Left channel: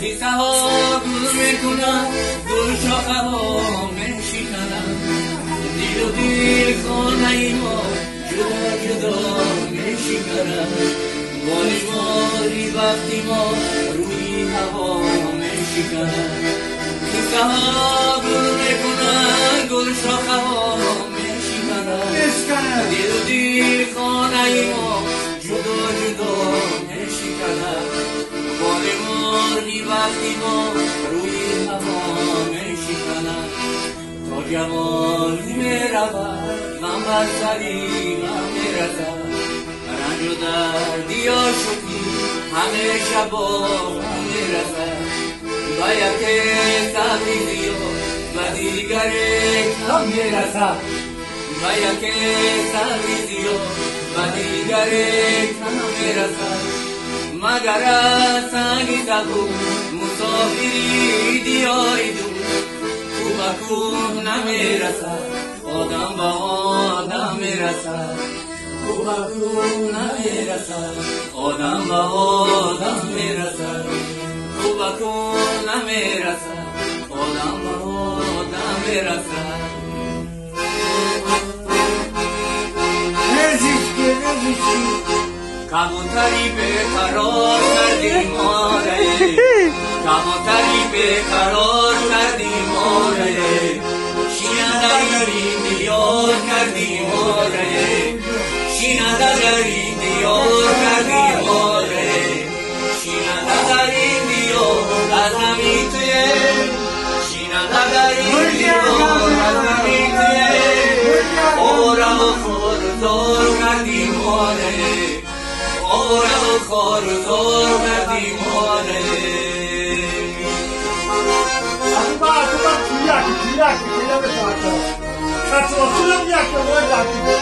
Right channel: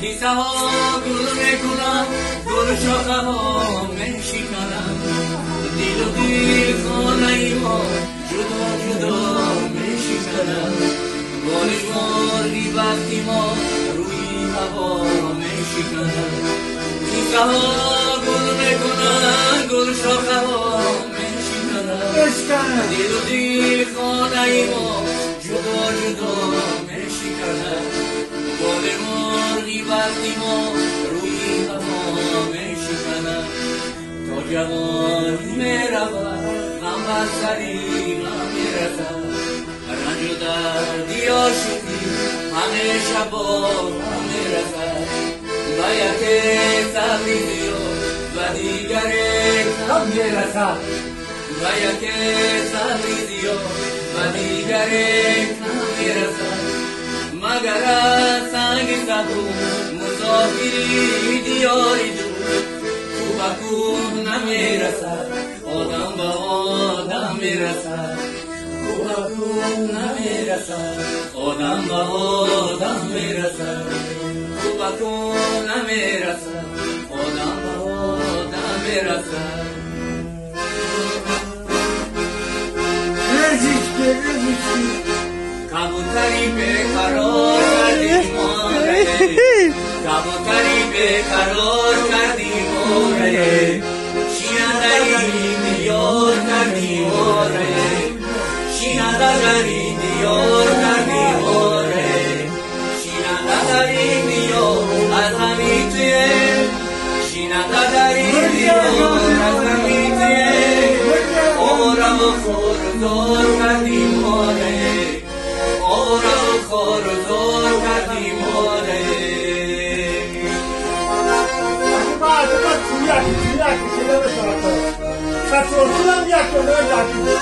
کیسه ها گل میکنم گل شاخه ها میشکنم دل و دل خانه ما جدا جدا میشکنم بارش مالی وقتی ما روی هوا میشکنم کیسه ها گل میکنم گل شاخه ها میشکنم دل و دل خانه ما جدا جدا میشکنم وقتی ما روی هوا میشکنم تا جوان میرود غم بر سری غم میرسد رنج و دردی آشوبی همه شبا غم میرسد و یک سبزی و دیگر غم میرسد و یک سبزی و دیگر غم میرسد مگر از سنگ سبو مسافری دیاری دو تو با کوه نمیرسد آدم با آدم میرسد تو با کوه نمیرسد آدم با آدم میرسد تو با کوه نمیرسد آدم با آدم میرسد کبوتری به قرار کردی ماره کبوتری به قرار کردی ماره شینندری دیار کردی ماره شینندری دیار کردی ماره شینندری دیار از همین توی شینندری دیار از همین توی آرم و خوردار کردی ماره آرام خار و زار کردی ماره یک